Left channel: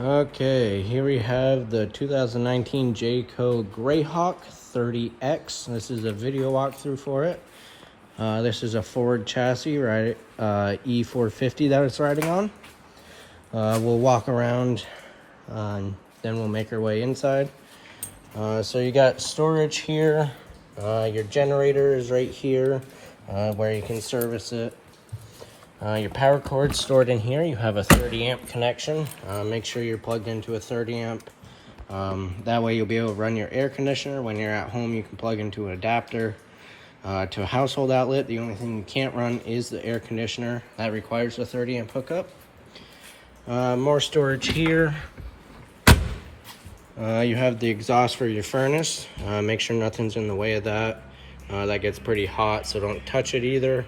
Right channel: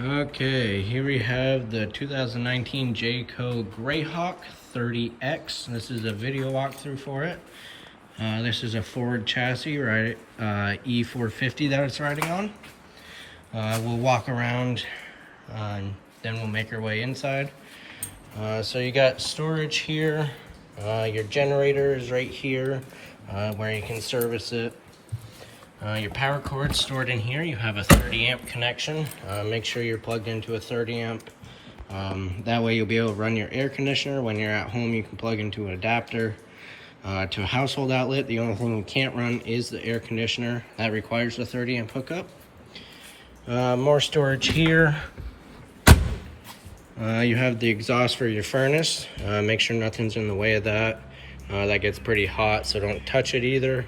Okay, here we have the 2019 Jayco GreyHawk 30X. This is a video walkthrough for it. This is a forward chassis, right? E450 that it's riding on. We'll walk around and then we'll make our way inside. So you got storage here. Your generator is right here where you can service it. Your power cord stored in here. You have a 30 amp connection. Make sure you're plugged into a 30 amp. That way you'll be able to run your air conditioner. When you're at home, you can plug into an adapter to a household outlet. The only thing you can't run is the air conditioner. That requires a 30 amp hookup. More storage here. You have the exhaust for your furnace. Make sure nothing's in the way of that. That gets pretty hot, so don't touch it either.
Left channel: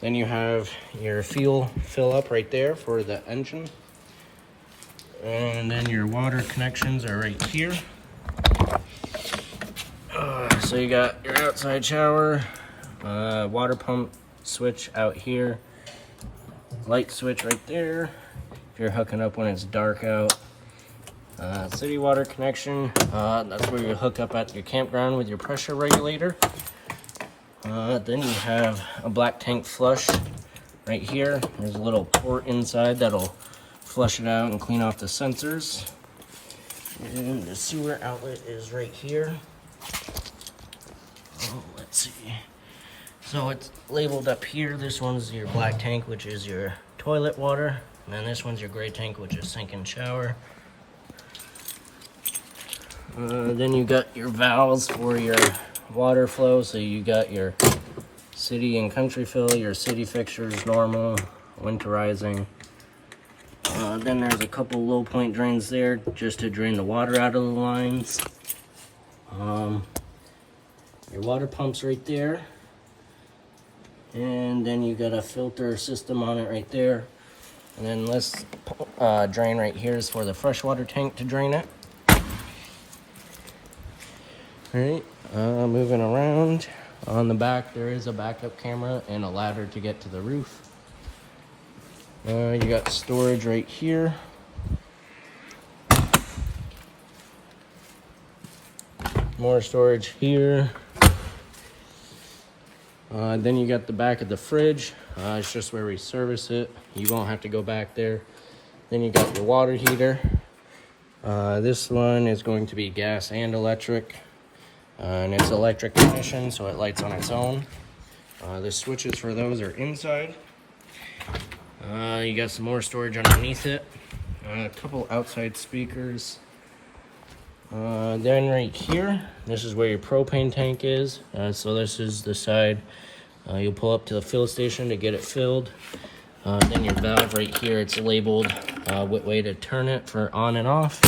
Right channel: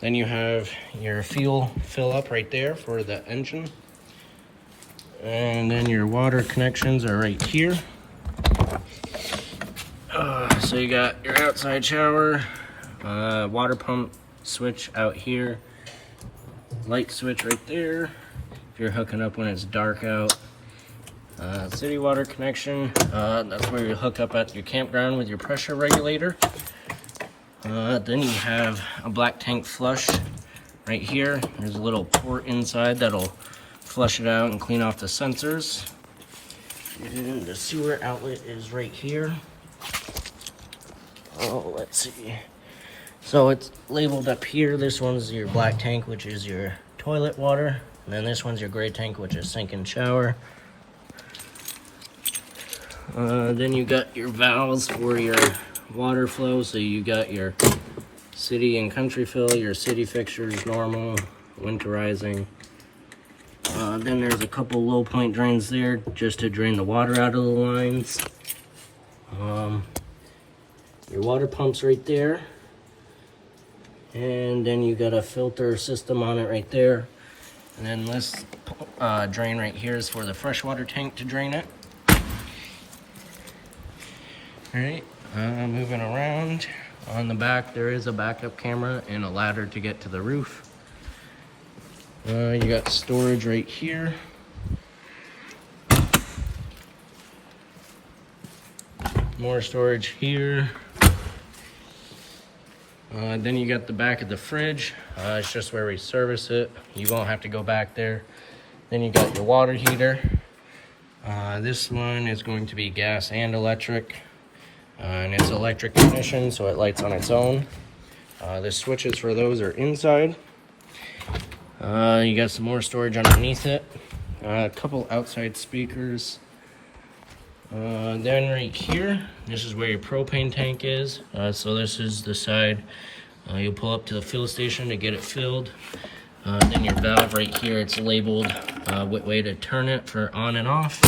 Then you have your fuel fill up right there for the engine. And then your water connections are right here. So you got your outside shower, water pump switch out here, light switch right there if you're hooking up when it's dark out. City water connection, that's where you hook up at your campground with your pressure regulator. Then you have a black tank flush right here. There's a little port inside that'll flush it out and clean off the sensors. And the sewer outlet is right here. Oh, let's see. So it's labeled up here. This one's your black tank, which is your toilet water. And then this one's your gray tank, which is sink and shower. Then you got your valves for your water flow. So you got your city and country fill, your city fixtures, normal, winterizing. Then there's a couple low point drains there just to drain the water out of the lines. Your water pump's right there. And then you got a filter system on it right there. And then this drain right here is for the freshwater tank to drain it. Alright, moving around. On the back there is a backup camera and a ladder to get to the roof. You got storage right here. More storage here. Then you got the back of the fridge. It's just where we service it. You won't have to go back there. Then you got your water heater. This one is going to be gas and electric. And it's electric ignition, so it lights on its own. The switches for those are inside. You got some more storage underneath it. A couple outside speakers. Then right here, this is where your propane tank is. So this is the side you'll pull up to the fill station to get it filled. Then your valve right here, it's labeled what way to turn it for on and off.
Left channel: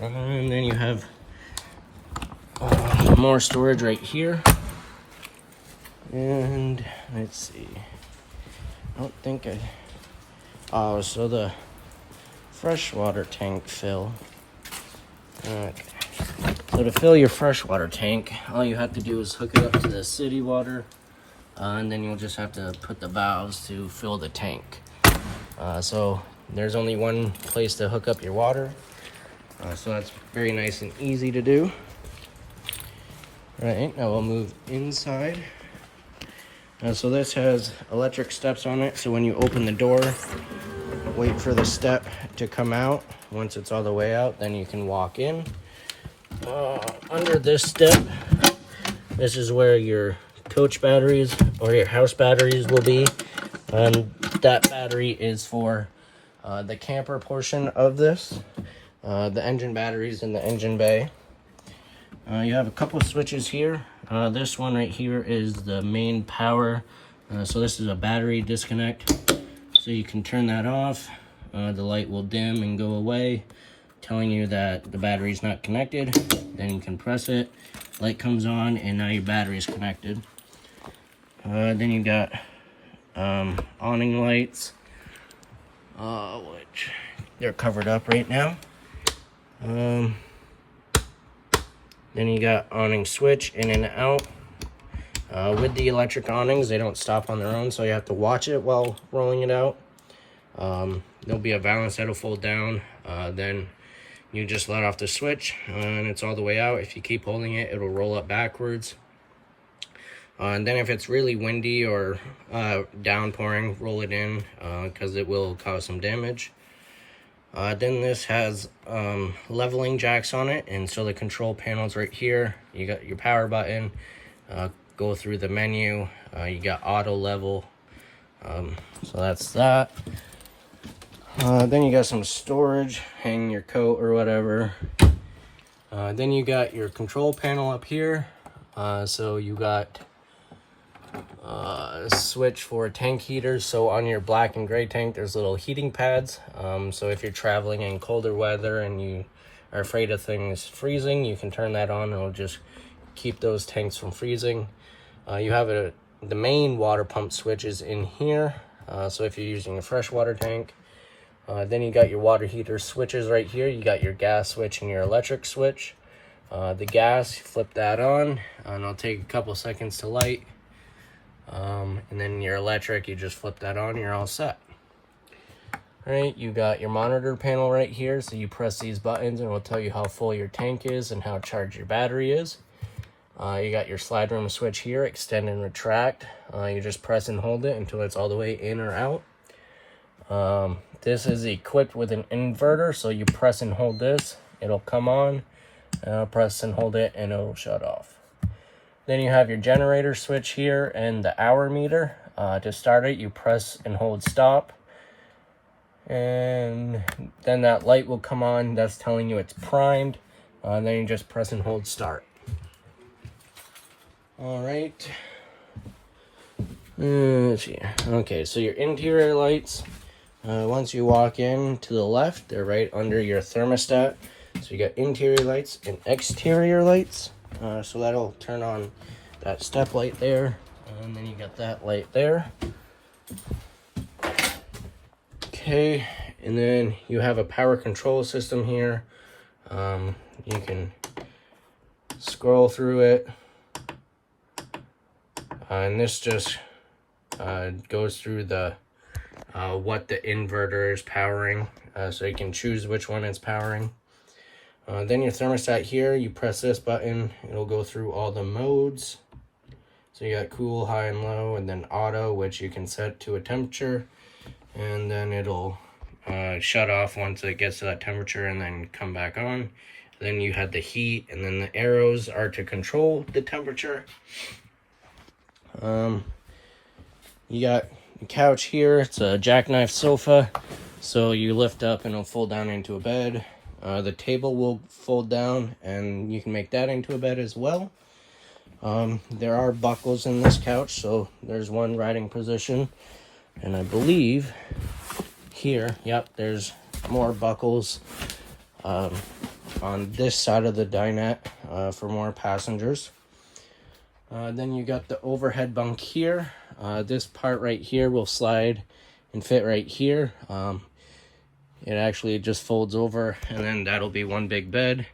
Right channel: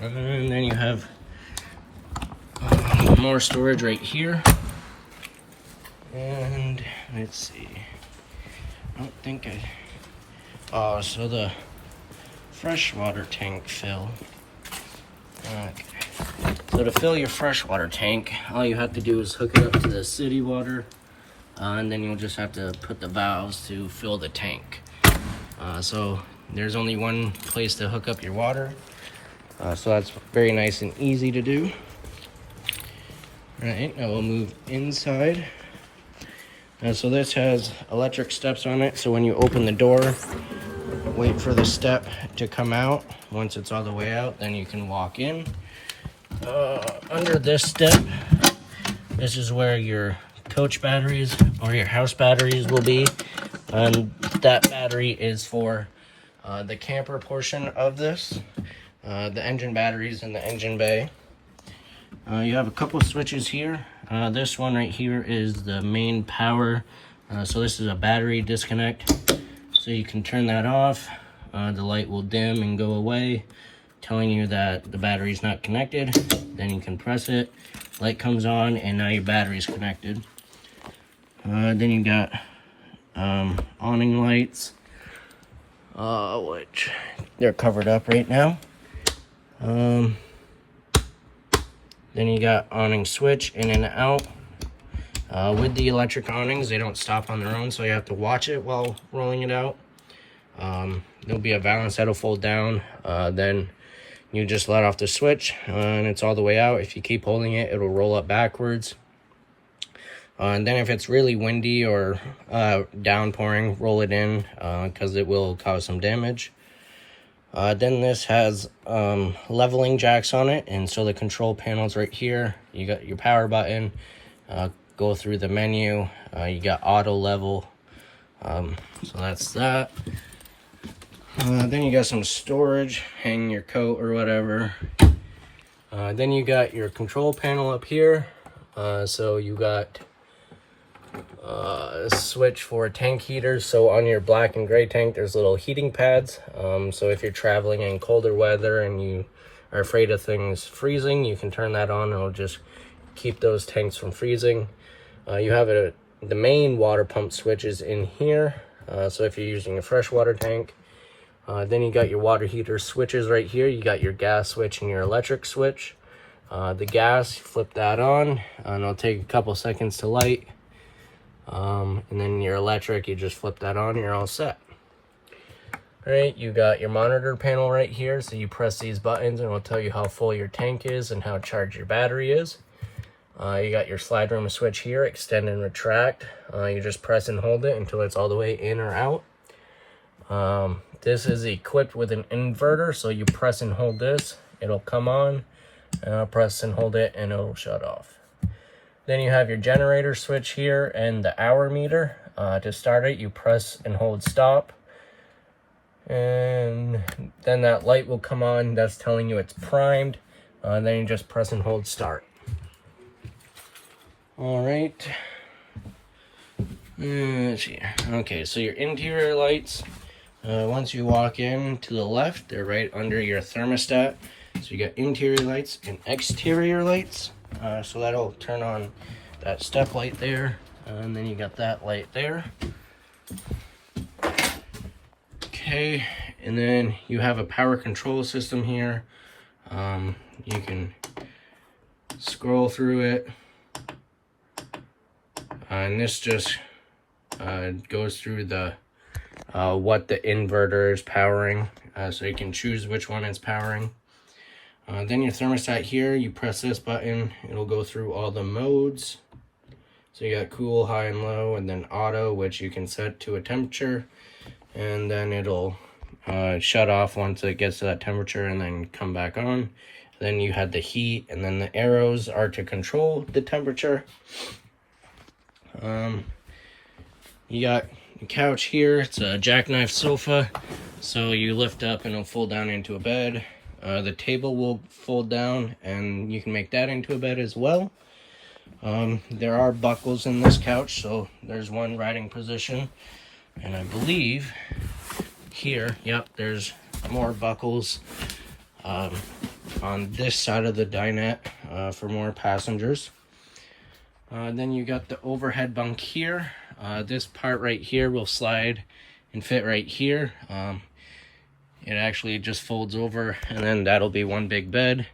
And then you have more storage right here. And let's see. I don't think oh, so the freshwater tank fill. So to fill your freshwater tank, all you have to do is hook it up to the city water, and then you'll just have to put the valves to fill the tank. So there's only one place to hook up your water, so that's very nice and easy to do. Right, now we'll move inside. So this has electric steps on it, so when you open the door, wait for the step to come out. Once it's all the way out, then you can walk in. Under this step, this is where your coach batteries or your house batteries will be. And that battery is for the camper portion of this. The engine batteries in the engine bay. You have a couple of switches here. This one right here is the main power. So this is a battery disconnect. So you can turn that off. The light will dim and go away, telling you that the battery's not connected. Then you can press it, light comes on, and now your battery's connected. Then you got awning lights, which they're covered up right now. Then you got awning switch in and out. With the electric awnings, they don't stop on their own, so you have to watch it while rolling it out. There'll be a valance that'll fold down. Then you just let off the switch and it's all the way out. If you keep holding it, it'll roll up backwards. And then if it's really windy or downpouring, roll it in because it will cause some damage. Then this has leveling jacks on it, and so the control panel's right here. You got your power button, go through the menu, you got auto level, so that's that. Then you got some storage, hang your coat or whatever. Then you got your control panel up here, so you got a switch for tank heaters. So on your black and gray tank there's little heating pads, so if you're traveling in colder weather and you are afraid of things freezing, you can turn that on. It'll just keep those tanks from freezing. You have the main water pump switch is in here, so if you're using a freshwater tank. Then you got your water heater switches right here. You got your gas switch and your electric switch. The gas, flip that on and it'll take a couple seconds to light. And then your electric, you just flip that on, you're all set. All right, you got your monitor panel right here, so you press these buttons and it'll tell you how full your tank is and how charged your battery is. You got your slide room switch here, extend and retract. You just press and hold it until it's all the way in or out. This is equipped with an inverter, so you press and hold this, it'll come on, press and hold it and it'll shut off. Then you have your generator switch here and the hour meter. To start it, you press and hold stop. And then that light will come on. That's telling you it's primed. Then you just press and hold start. All right. Let's see. Okay, so your interior lights. Once you walk in to the left, they're right under your thermostat. So you got interior lights and exterior lights. So that'll turn on that step light there, and then you got that light there. Okay, and then you have a power control system here. You can scroll through it, and this just goes through the what the inverter is powering, so you can choose which one it's powering. Then your thermostat here, you press this button, it'll go through all the modes. So you got cool, high, and low, and then auto, which you can set to a temperature. And then it'll shut off once it gets to that temperature and then come back on. Then you had the heat, and then the arrows are to control the temperature. You got the couch here, it's a jackknife sofa. So you lift up and it'll fold down into a bed. The table will fold down and you can make that into a bed as well. There are buckles in this couch, so there's one riding position. And I believe here, yep, there's more buckles on this side of the dinette for more passengers. Then you got the overhead bunk here. This part right here will slide and fit right here. It actually just folds over, and then that'll be one big bed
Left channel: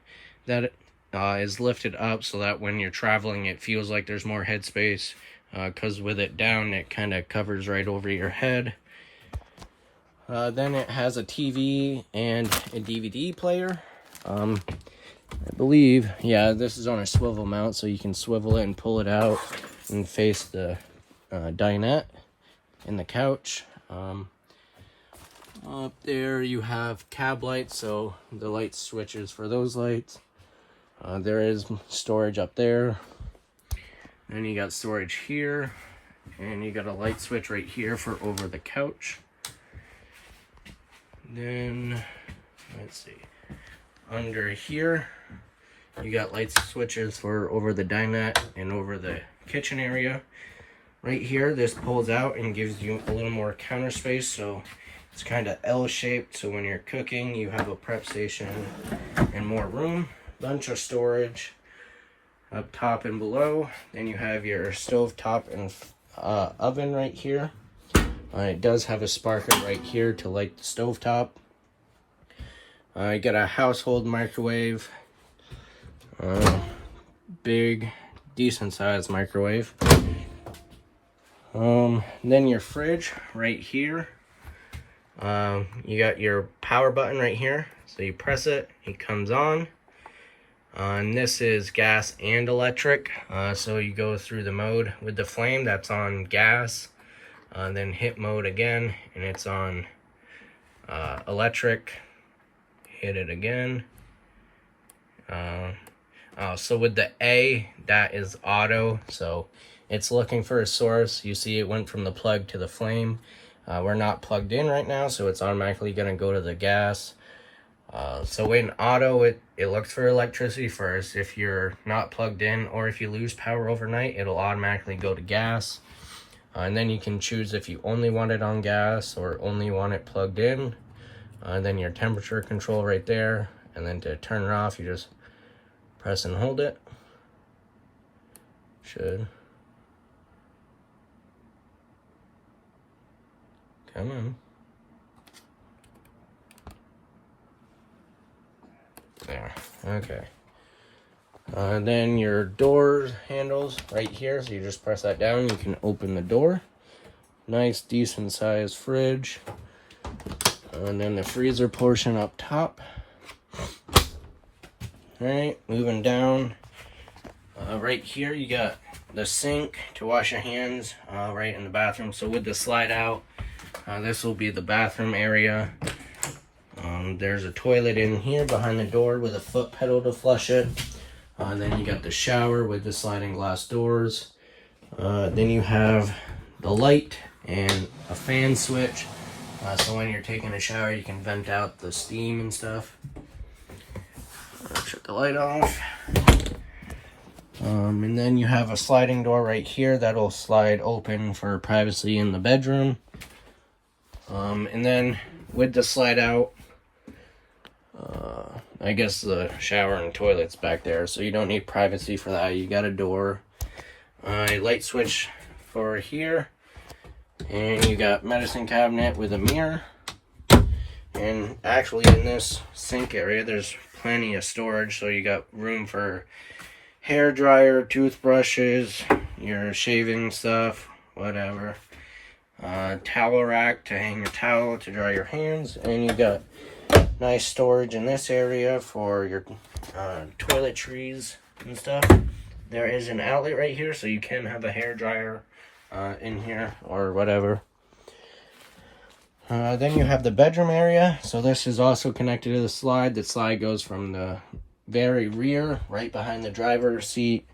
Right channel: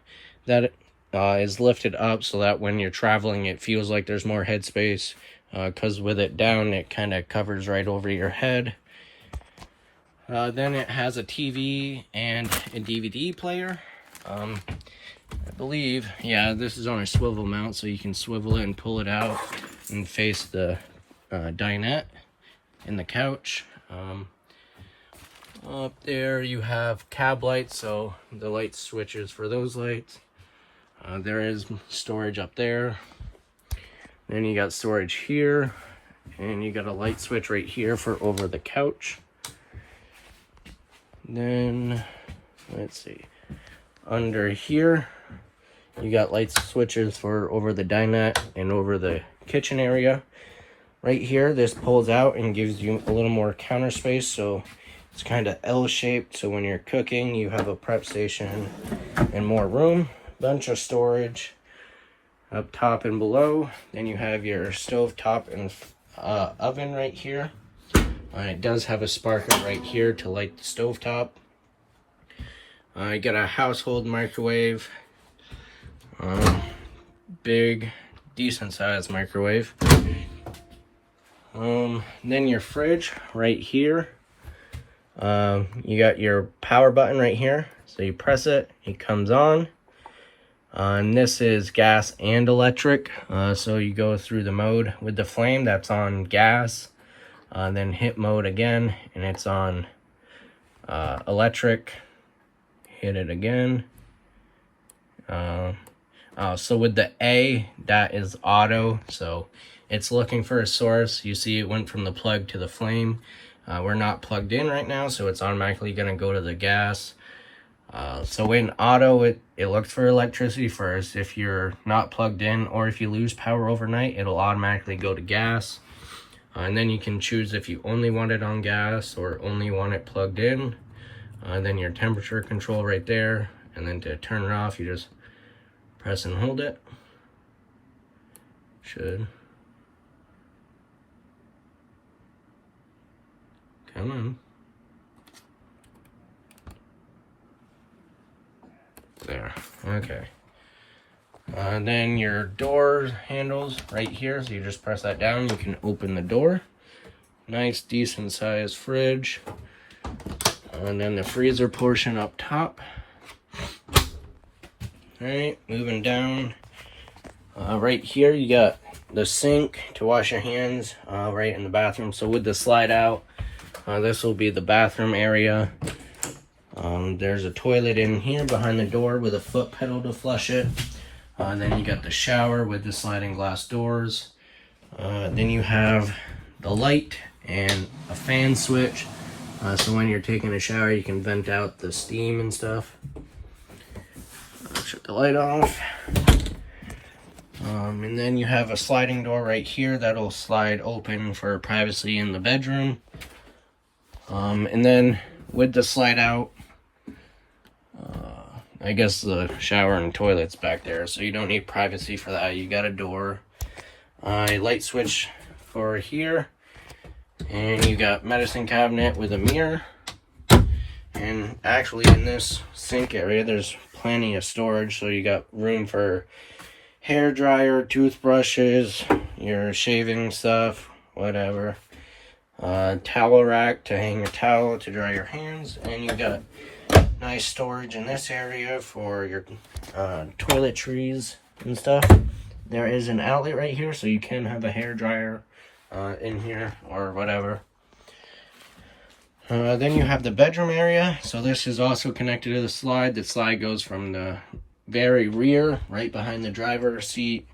that is lifted up so that when you're traveling it feels like there's more headspace, because with it down it kind of covers right over your head. Then it has a TV and a DVD player. I believe, yeah, this is on a swivel mount, so you can swivel it and pull it out and face the dinette and the couch. Up there you have cab lights, so the light switches for those lights. There is storage up there. Then you got storage here, and you got a light switch right here for over the couch. Then let's see, under here you got light switches for over the dinette and over the kitchen area. Right here, this pulls out and gives you a little more counter space, so it's kind of L-shaped, so when you're cooking, you have a prep station and more room. Bunch of storage up top and below. Then you have your stove top and oven right here. It does have a sparker right here to light the stove top. You got a household microwave. Big, decent sized microwave. Then your fridge right here. You got your power button right here, so you press it, it comes on. And this is gas and electric, so you go through the mode with the flame that's on gas, then hit mode again and it's on electric. Hit it again. So with the A, that is auto, so it's looking for a source. You see it went from the plug to the flame. We're not plugged in right now, so it's automatically going to go to the gas. So in auto, it looks for electricity first. If you're not plugged in or if you lose power overnight, it'll automatically go to gas. And then you can choose if you only want it on gas or only want it plugged in. Then your temperature control right there. And then to turn it off, you just press and hold it. Should come on. There, okay. Then your door handles right here, so you just press that down, you can open the door. Nice, decent sized fridge. And then the freezer portion up top. Alright, moving down. Right here you got the sink to wash your hands right in the bathroom. So with the slide out, this will be the bathroom area. There's a toilet in here behind the door with a foot pedal to flush it. Then you got the shower with the sliding glass doors. Then you have the light and a fan switch. So when you're taking a shower, you can vent out the steam and stuff. Shut the light off. And then you have a sliding door right here that'll slide open for privacy in the bedroom. And then with the slide out, I guess the shower and toilet's back there, so you don't need privacy for that. You got a door, a light switch for here, and you got medicine cabinet with a mirror. And actually in this sink area, there's plenty of storage, so you got room for hair dryer, toothbrushes, your shaving stuff, whatever. Towel rack to hang a towel to dry your hands, and you got nice storage in this area for your toiletries and stuff. There is an outlet right here, so you can have a hair dryer in here or whatever. Then you have the bedroom area. So this is also connected to the slide. The slide goes from the very rear, right behind the driver's seat.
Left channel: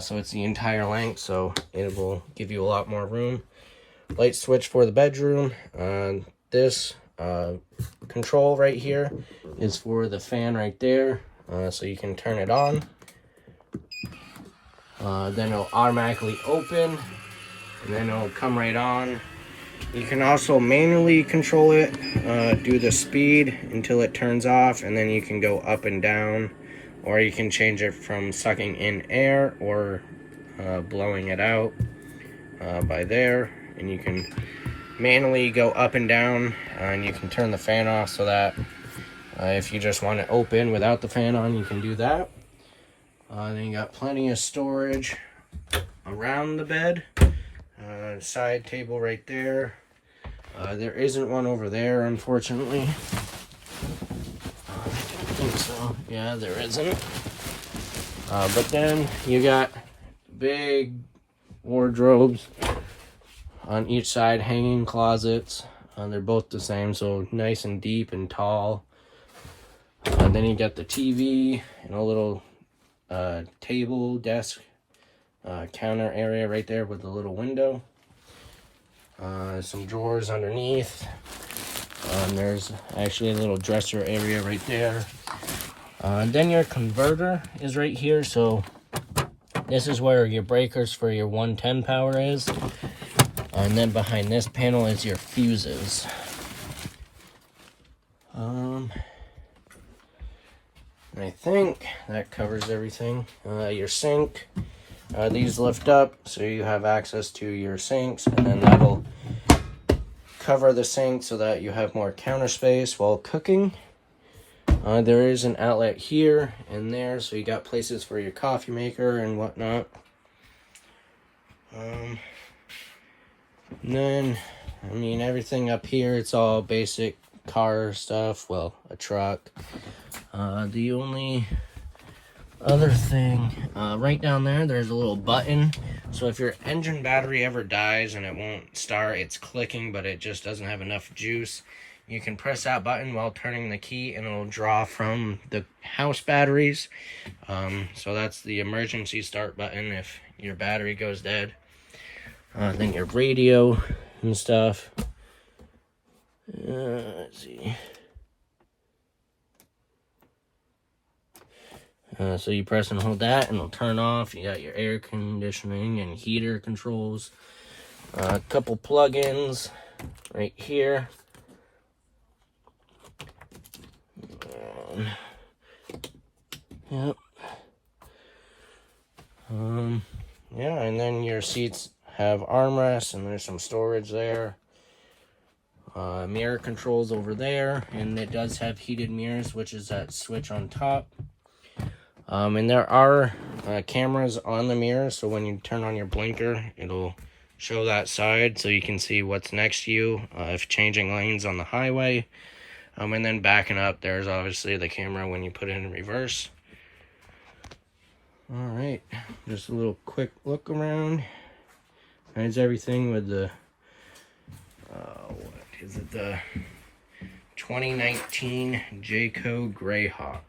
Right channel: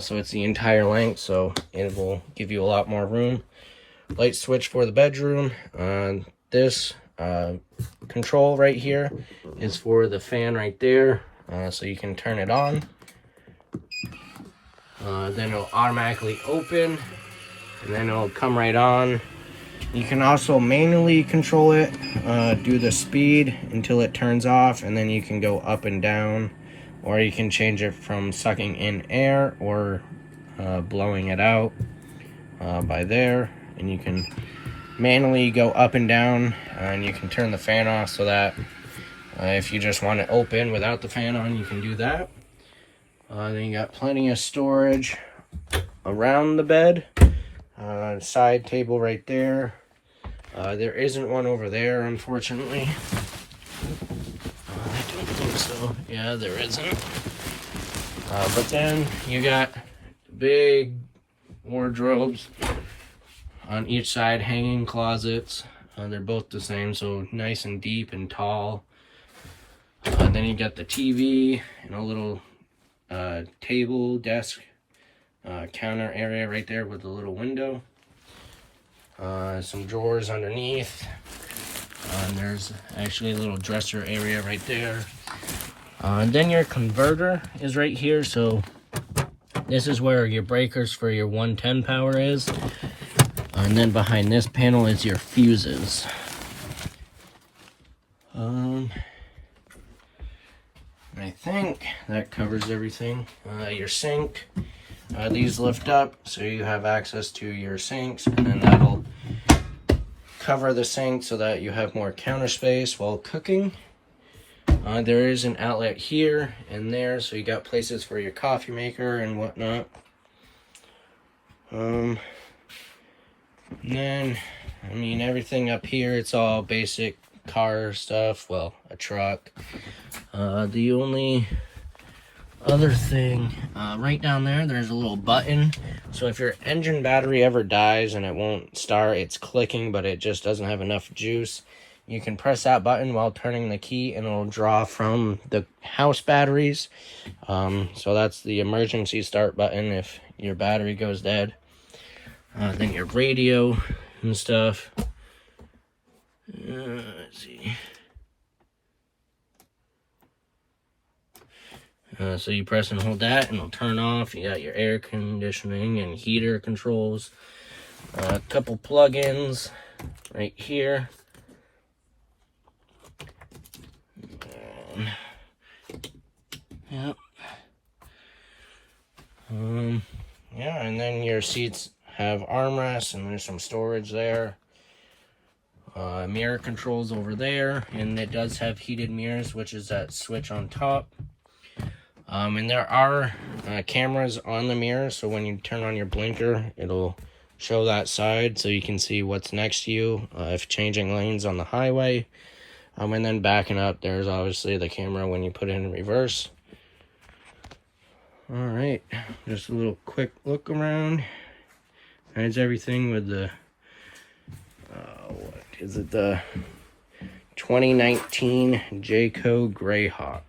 So it's the entire length, so it will give you a lot more room. Light switch for the bedroom. This control right here is for the fan right there, so you can turn it on. Then it'll automatically open, and then it'll come right on. You can also manually control it, do the speed until it turns off, and then you can go up and down, or you can change it from sucking in air or blowing it out by there. And you can manually go up and down, and you can turn the fan off so that if you just want it open without the fan on, you can do that. Then you got plenty of storage around the bed. Side table right there. There isn't one over there, unfortunately. I don't think so. Yeah, there isn't. But then you got big wardrobes on each side, hanging closets. They're both the same, so nice and deep and tall. And then you got the TV and a little table, desk, counter area right there with a little window. Some drawers underneath. There's actually a little dresser area right there. And then your converter is right here, so this is where your breakers for your 110 power is. And then behind this panel is your fuses. I think that covers everything. Your sink. These lift up so you have access to your sinks, and then that'll cover the sink so that you have more counter space while cooking. There is an outlet here and there, so you got places for your coffee maker and whatnot. And then I mean, everything up here, it's all basic car stuff. Well, a truck. The only other thing, right down there, there's a little button. So if your engine battery ever dies and it won't start, it's clicking, but it just doesn't have enough juice, you can press that button while turning the key and it'll draw from the house batteries. So that's the emergency start button if your battery goes dead. Then your radio and stuff. Let's see. So you press and hold that and it'll turn off. You got your air conditioning and heater controls. A couple plug-ins right here. Yep. Yeah, and then your seats have armrests and there's some storage there. Mirror controls over there, and it does have heated mirrors, which is that switch on top. And there are cameras on the mirror, so when you turn on your blinker, it'll show that side so you can see what's next to you if changing lanes on the highway. And then backing up, there's obviously the camera when you put it in reverse. All right, just a little quick look around. There's everything with the, what is it, the 2019 Jayco GreyHawk.